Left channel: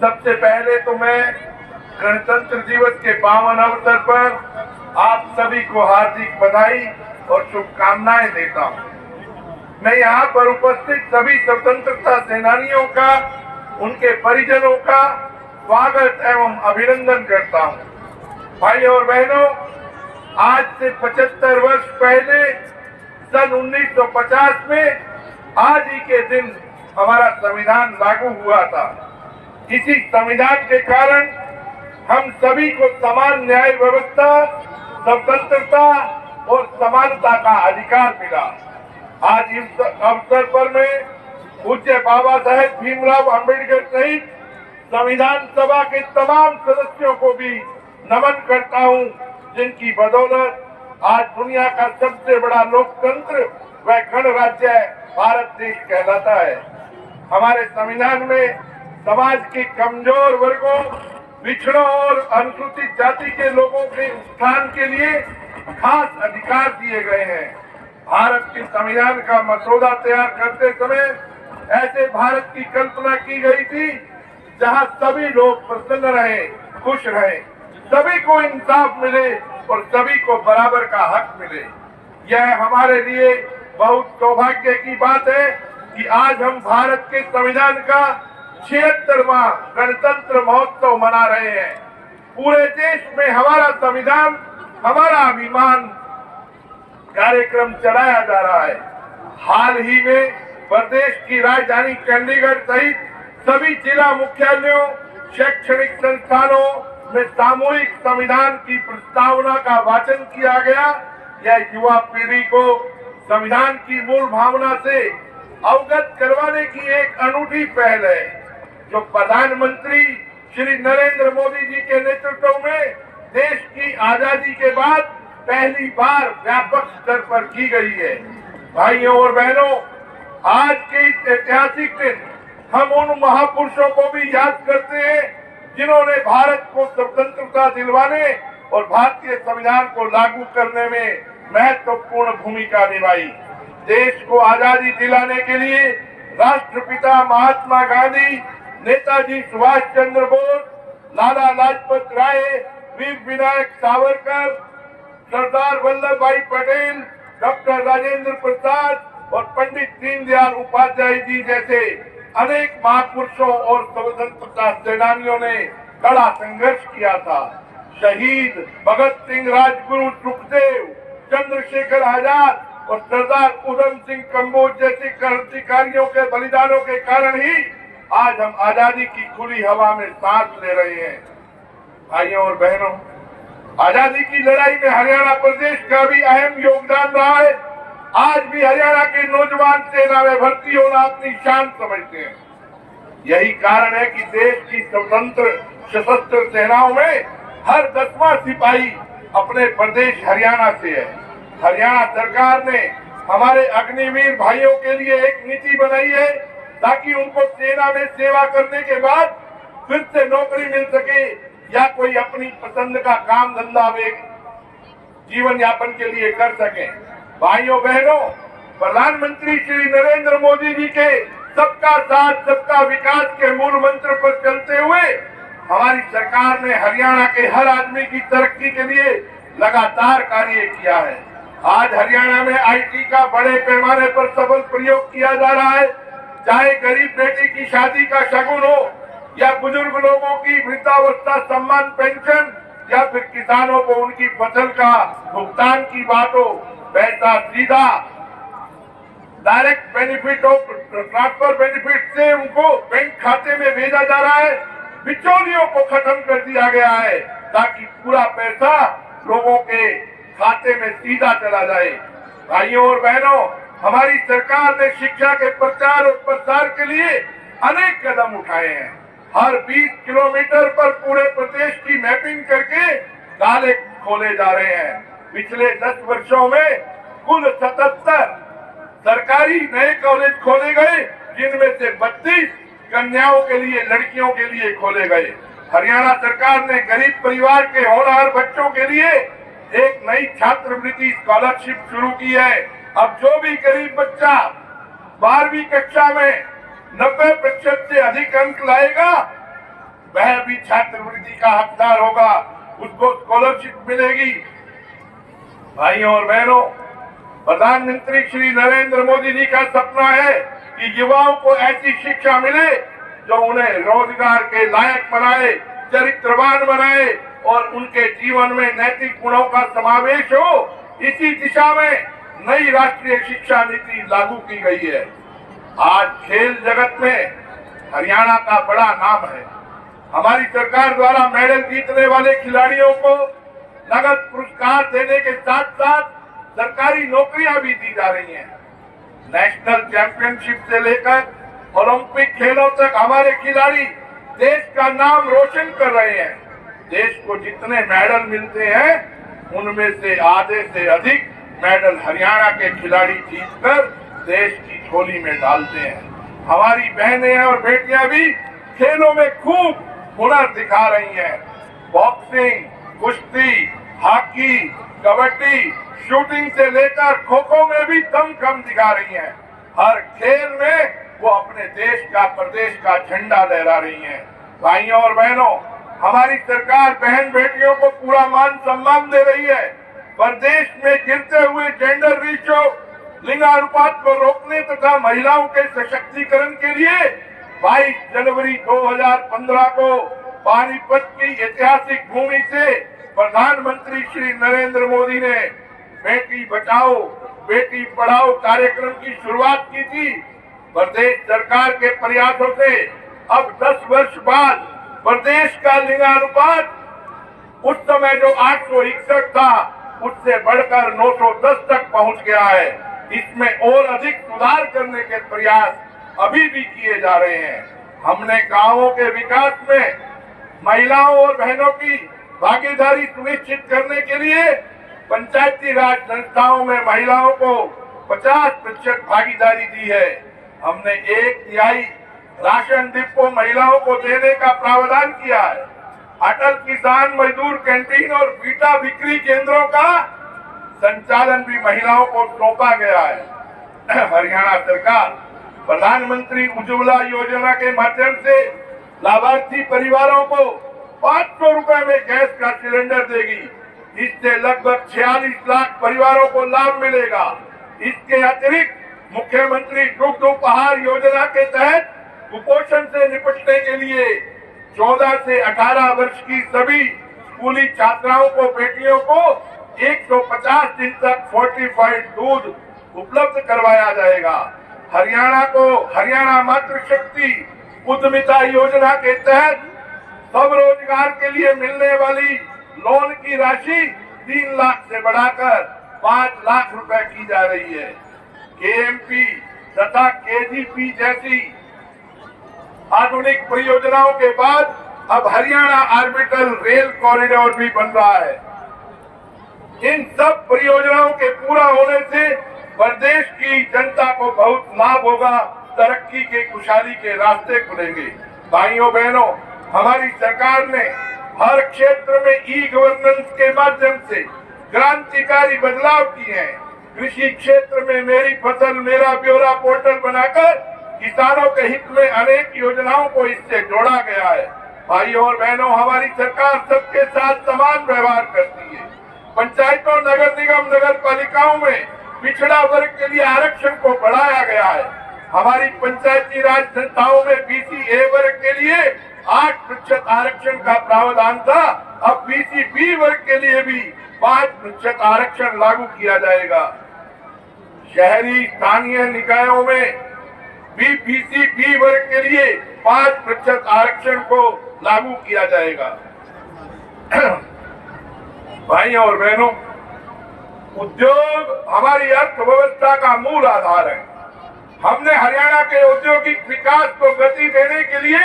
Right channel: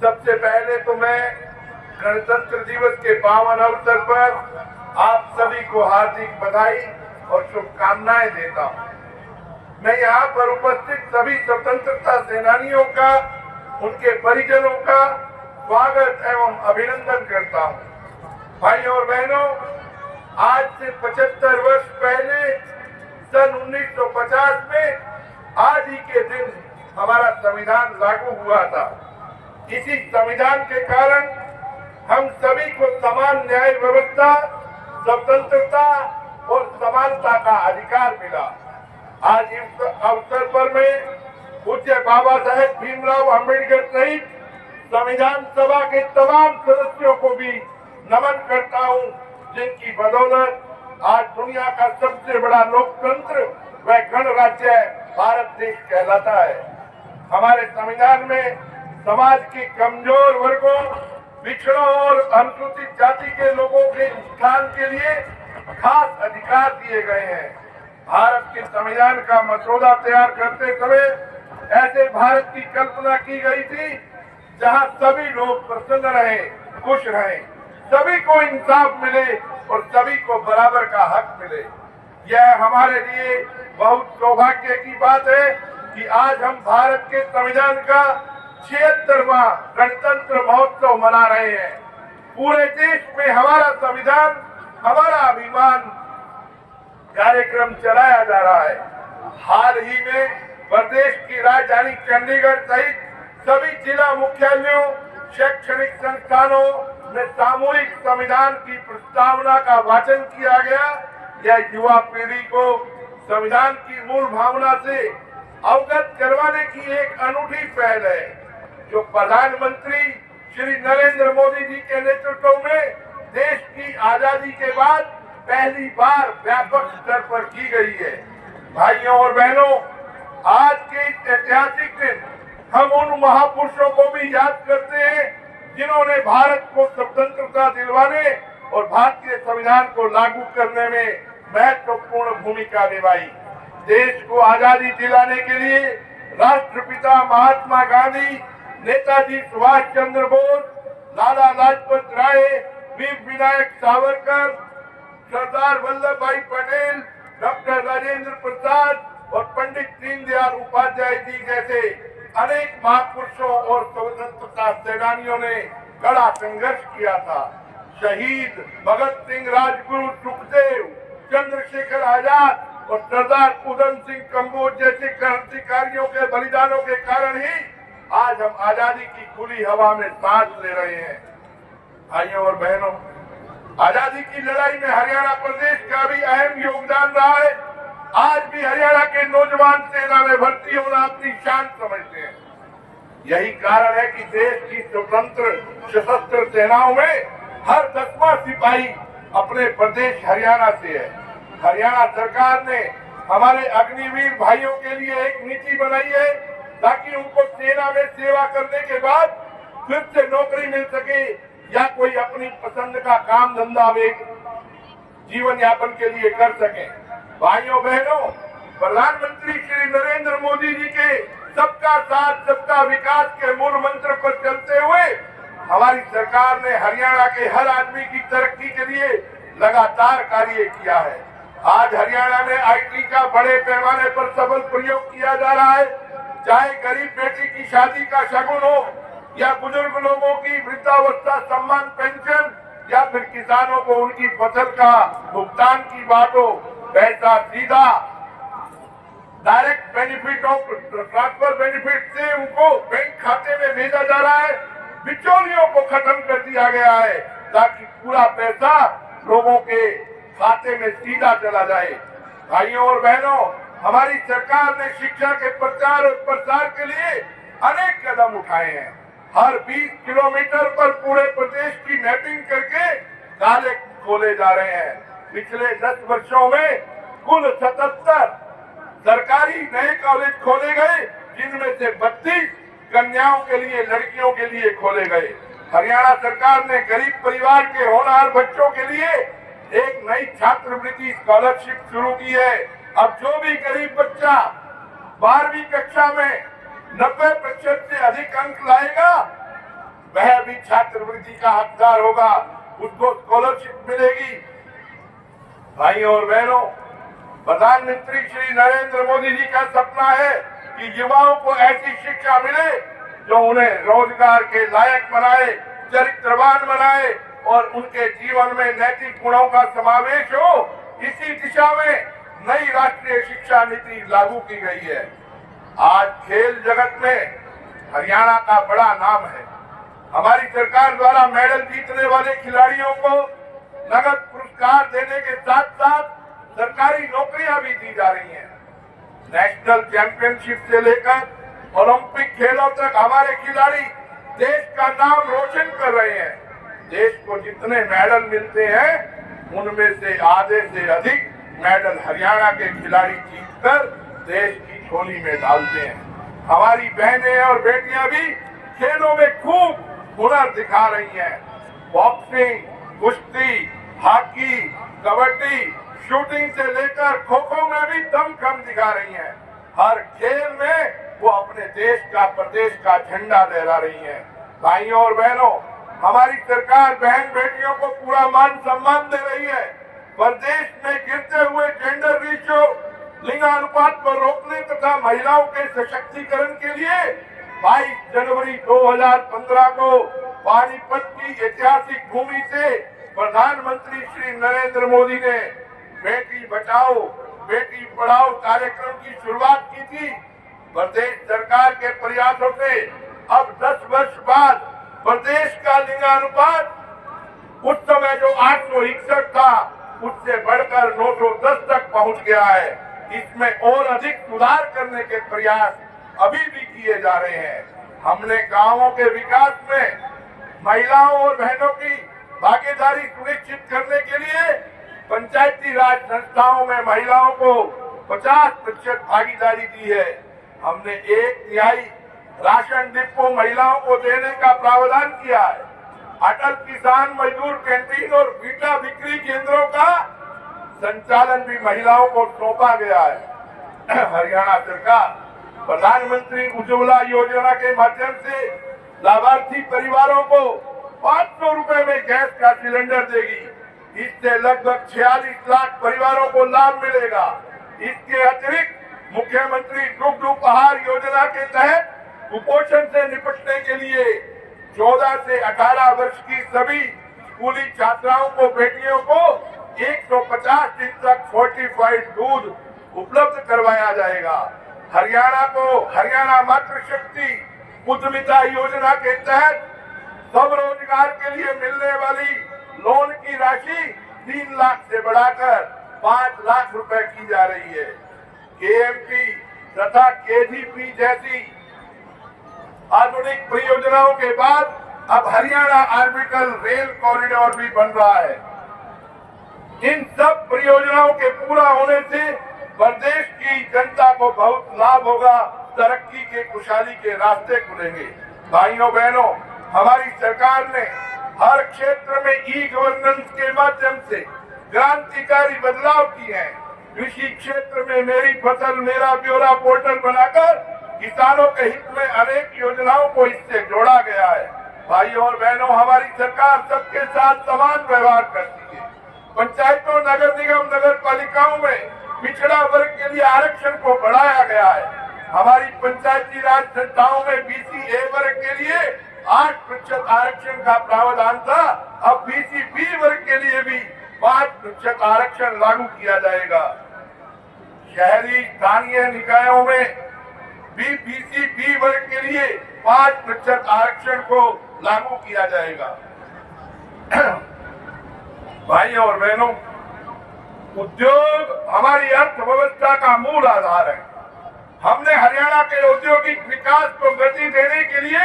सबसे पहले तो मैं गणतंत्र दिवस के पावन अवसर पर आप सभी को हार्दिक बधाई और शुभकामनाएं देता हूं। मैं यहाँ पर उपस्थित सभी स्वतंत्रता सेनानियों का, उनके परिजनों का स्वागत एवं अभिनंदन करता हूं। भाई और बहनों, आज से 75 वर्ष पहले सन 1950 में आज ही के दिन हमारा संविधान लागू हुआ था। इसी संविधान के कारण हम सभी को समान न्याय व्यवस्था, स्वतंत्रता और समानता का अधिकार मिला। आज इस अवसर पर मैं पूज्य बाबा साहेब भीमराव अम्बेडकर सहित संविधान सभा के तमाम सदस्यों को भी नमन करता हूं, जिनकी बदौलत आज दुनिया का सबसे बड़ा लोकतंत्र व गणराज्य भारत देश कहलाता है। हमारे संविधान में समाज के कमजोर वर्गों, पिछड़ों और अनुसूचित जाति के लोगों के उत्थान के लिए खास अधिकार दिए गए हैं। भारत के संविधान का मसौदा तैयार करते समय ऐसे भारत की कल्पना की गई थी जहां सभी लोग प्रसन्न रहे, खुश रहे, सभी को इंसाफ मिले और सभी को बराबर का हक मिले। यह हमारे लिए बहुत सौभाग्य की बात है कि आज हम भारत के संविधान का 76वां गणतंत्र महोत्सव मना रहे हैं। पूरे देश में हमारा संविधान, हमारा अभिमान कार्यक्रम चलाया जा रहा है। हाल ही में प्रदेश की राजधानी चंडीगढ़ सहित सभी जिला मुख्यालयों, शैक्षणिक संस्थानों में सामूहिक संविधान की प्रस्तावना का वाचन किया गया। यह युवा पीढ़ी को संविधान की मूल भावना से अवगत करवाने की एक अनूठी पहल है, जो प्रधानमंत्री श्री नरेंद्र मोदी जी के नेतृत्व में देश की आजादी के बाद पहली बार व्यापक स्तर पर की गई है। भाइयों और बहनों, आज के इस ऐतिहासिक दिन हम उन महापुरुषों को भी याद करते हैं जिन्होंने भारत को स्वतंत्रता दिलवाने और भारतीय संविधान को लागू करने में महत्वपूर्ण भूमिका निभाई। देश को आजादी दिलाने के लिए राष्ट्रपिता महात्मा गांधी, नेताजी सुभाष चंद्र बोस, लाला लाजपत राय, वीर विनायक सावरकर, सरदार वल्लभ भाई पटेल, डॉक्टर राजेंद्र प्रसाद और पंडित दीनदयाल उपाध्याय जी जैसे अनेक महापुरुषों और स्वतंत्रता सेनानियों ने कड़ा संघर्ष किया था। शहीद भगत सिंह, राजगुरु सुखदेव, चंद्रशेखर आजाद और सरदार उधम सिंह कम्बोज जैसे क्रांतिकारियों के बलिदानों के कारण ही आज हम आजादी की खुली हवा में सांस ले रहे हैं। भाइयों और बहनों, आजादी की लड़ाई में हरियाणा प्रदेश का भी अहम योगदान रहा है। आज भी हरियाणा के नौजवान सेना में भर्ती होना अपनी शान समझते हैं। यही कारण है कि देश की स्वतंत्र सशस्त्र सेनाओं में हर 10वां सिपाही अपने प्रदेश हरियाणा से है। हरियाणा सरकार ने हमारे अग्निवीर भाइयों के लिए एक नीति बनाई है ताकि उनको सेना में सेवा करने के बाद फिर से नौकरी मिल सके या कोई अपनी पसंद का काम धंधा वे जीवन यापन के लिए कर सके। भाइयों बहनों, प्रधानमंत्री श्री नरेंद्र मोदी जी के सबका साथ सबका विकास के मूल मंत्र पर चलते हुए हमारी सरकार ने हरियाणा के हर आदमी की तरक्की के लिए लगातार कार्य किया है। आज हरियाणा में आईटी का बड़े पैमाने पर सफल प्रयोग किया जा रहा है। चाहे गरीब बेटी की शादी का शगुन हो या बुजुर्ग लोगों की वृद्धावस्था सम्मान पेंशन या फिर किसानों को उनकी फसल का भुगतान की बात हो, पैसा सीधा डायरेक्ट बेनिफिट और ट्रांसफर बेनिफिट से उनको बैंक खाते में भेजा जा रहा है। बिचौलियों को खत्म कर दिया गया है ताकि पूरा पैसा लोगों के खाते में सीधा चला जाए। भाइयों और बहनों, हमारी सरकार ने शिक्षा के प्रचार और प्रसार के लिए अनेक कदम उठाए हैं। हर 20 किलोमीटर पर पूरे प्रदेश की मैपिंग करके कॉलेज खोले जा रहे हैं। पिछले 10 वर्षों में कुल 77 सरकारी नए कॉलेज खोले गए, जिनमें से 32 कन्याओं के लिए, लड़कियों के लिए खोले गए। हरियाणा सरकार ने गरीब परिवार के होनहार बच्चों के लिए एक नई छात्रवृत्ति स्कॉलरशिप शुरू की है। अब जो भी गरीब बच्चा 12वीं कक्षा में 90% से अधिक अंक लाएगा, वह भी छात्रवृत्ति का हकदार होगा, उसको स्कॉलरशिप मिलेगी। भाइयों और बहनों, प्रधानमंत्री श्री नरेंद्र मोदी जी का सपना है कि युवाओं को ऐसी शिक्षा मिले जो उन्हें रोजगार के लायक बनाए, चरित्रवान बनाए और उनके जीवन में नैतिक गुणों का समावेश हो। इसी दिशा में नई राष्ट्रीय शिक्षा नीति लागू की गई है। आज खेल जगत में हरियाणा का बड़ा नाम है। हमारी सरकार द्वारा मेडल जीतने वाले खिलाड़ियों को नगद पुरस्कार देने के साथ साथ सरकारी नौकरियां भी दी जा रही हैं। नेशनल चैंपियनशिप से लेकर ओलंपिक खेलों तक हमारे खिलाड़ी देश का नाम रोशन कर रहे हैं। देश को जितने मेडल मिलते हैं उनमें से आधे से अधिक मेडल हरियाणा के खिलाड़ी जीतकर देश की झोली में डालते हैं। हमारी बहनें और बेटियां भी खेलों में खूब हुनर दिखा रही हैं। बॉक्सिंग, कुश्ती, हॉकी, कबड्डी, शूटिंग से लेकर खो खो में भी दमखम दिखा रही हैं। हर खेल में वो अपने देश का, प्रदेश का झंडा लहरा रही हैं। भाइयों और बहनों, हमारी सरकार बहन बेटियों को पूरा मान सम्मान दे रही है। प्रदेश में गिरते हुए जेंडर रेशियो, लिंगानुपात को रोकने तथा महिलाओं के सशक्तिकरण के लिए 22 जनवरी 2015 को पानीपत की ऐतिहासिक भूमि से प्रधानमंत्री श्री नरेंद्र मोदी ने बेटी बचाओ बेटी पढ़ाओ कार्यक्रम की शुरुआत की थी। प्रदेश सरकार के प्रयासों से अब 10 वर्ष बाद प्रदेश का लिंगानुपात उस समय जो 861 था उससे बढ़कर 910 तक पहुंच गया है। इसमें और अधिक सुधार करने के प्रयास अभी भी किए जा रहे हैं। हमने गांवों के विकास में महिलाओं और बहनों की भागीदारी सुनिश्चित करने के लिए पंचायती राज संस्थाओं में महिलाओं को 50% भागीदारी दी है। हमने 1/3 राशन डिपो महिलाओं को देने का प्रावधान किया है। अटल किसान मजदूर कैंटीन और बीटा बिक्री केंद्रों का संचालन भी महिलाओं को सौंपा गया है। हरियाणा सरकार प्रधानमंत्री उज्ज्वला योजना के माध्यम से लाभार्थी परिवारों को 500 रुपए में गैस का सिलेंडर देगी। इससे लगभग 46 लाख परिवारों को लाभ मिलेगा। इसके अतिरिक्त मुख्यमंत्री दुग्ध उपहार योजना के तहत कुपोषण से निपटने के लिए 14 से 18 वर्ष की सभी स्कूली छात्राओं को, बेटियों को 150 दिन तक फोर्टिफाइड दूध उपलब्ध करवाया जाएगा। हरियाणा को हरियाणा मातृशक्ति उद्यमिता योजना के तहत स्वरोजगार के लिए मिलने वाली लोन की राशि 3 लाख से बढ़ाकर 5 लाख रुपए की जा रही है। केएमपी तथा केजीपी जैसी आधुनिक परियोजनाओं के बाद अब हरियाणा ऑर्बिटल रेल कॉरिडोर भी बन रहा है। इन सब परियोजनाओं के पूरा होने से प्रदेश की जनता को बहुत लाभ होगा, तरक्की के, खुशहाली के रास्ते खुलेंगे। भाइयों बहनों, हमारी सरकार ने हर क्षेत्र में ई गवर्नेंस के माध्यम से क्रांतिकारी बदलाव किए हैं। कृषि क्षेत्र में मेरी फसल मेरा ब्यौरा पोर्टल बनाकर किसानों के हित में अनेक योजनाओं को इससे जोड़ा गया है। भाइयों और बहनों, हमारी सरकार सबके साथ समान व्यवहार करती है। पंचायतों, नगर निगम, नगर पालिकाओं में पिछड़ा वर्ग के लिए आरक्षण को बढ़ाया गया है। हमारी पंचायती राज संस्थाओं में बीसी ए वर्ग के लिए 8% आरक्षण का प्रावधान था। अब बीसी बी वर्ग के लिए भी 5% आरक्षण लागू किया जाएगा। शहरी स्थानीय निकायों में भी बीसी बी वर्ग के लिए 5% आरक्षण को लागू किया जाएगा। भाइयों और बहनों, उद्योग हमारी अर्थव्यवस्था का मूल आधार है। हमने हरियाणा के औद्योगिक विकास को गति देने के लिए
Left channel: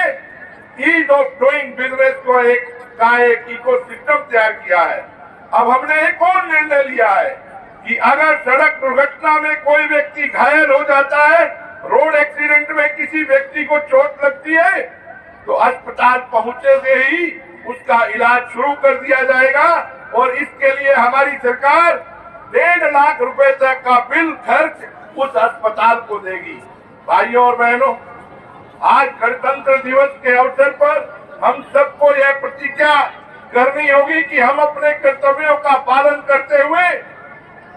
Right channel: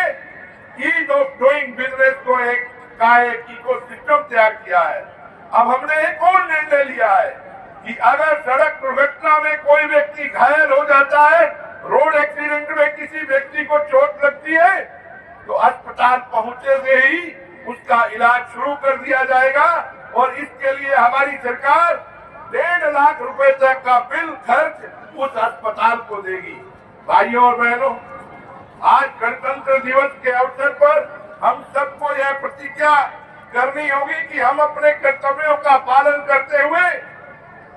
ईज ऑफ डूइंग बिजनेस को एक इकोसिस्टम तैयार किया है। अब हमने एक और निर्णय लिया है कि अगर सड़क दुर्घटना में कोई व्यक्ति घायल हो जाता है, रोड एक्सीडेंट में किसी व्यक्ति को चोट लगती है, तो अस्पताल पहुंचे से ही उसका इलाज शुरू कर दिया जाएगा और इसके लिए हमारी सरकार 1.5 लाख रुपए तक का बिल खर्च उस अस्पताल को देगी। भाइयों और बहनों, आज गणतंत्र दिवस के अवसर पर हम सबको यह प्रतिज्ञा करनी होगी कि हम अपने कर्तव्यों का पालन करते हुए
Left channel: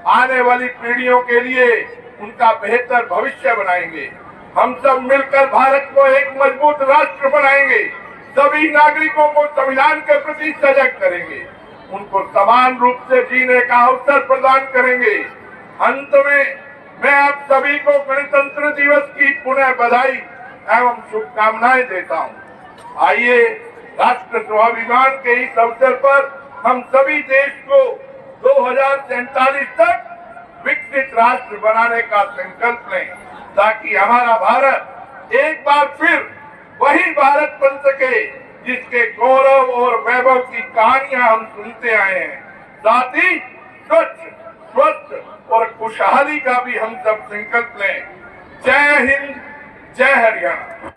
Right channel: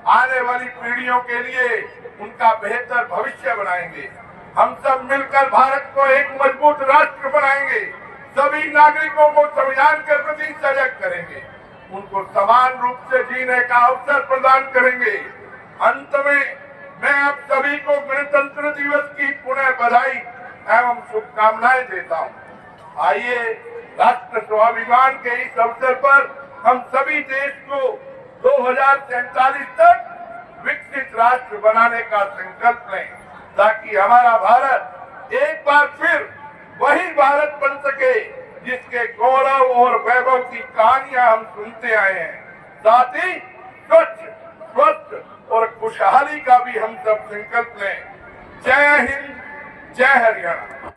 आने वाली पीढ़ियों के लिए उनका बेहतर भविष्य बनाएंगे। हम सब मिलकर भारत को एक मजबूत राष्ट्र बनाएंगे। सभी नागरिकों को संविधान के प्रति सजग करेंगे, उनको समान रूप से जीने का अवसर प्रदान करेंगे। अंत में मैं आप सभी को गणतंत्र दिवस की पुनः बधाई एवं शुभकामनाएं देता हूं। आइए राष्ट्र स्वाभिमान के इस अवसर पर हम सभी देश को 2047 तक विकसित राष्ट्र बनाने का संकल्प लें, ताकि हमारा भारत एक बार फिर वही भारत बन सके जिसके गौरव और वैभव की कहानियां हम सुनते आए हैं। साथ ही स्वच्छ, स्वस्थ और खुशहाली का भी हम सब संकल्प लें। जय हिंद, जय हरियाणा।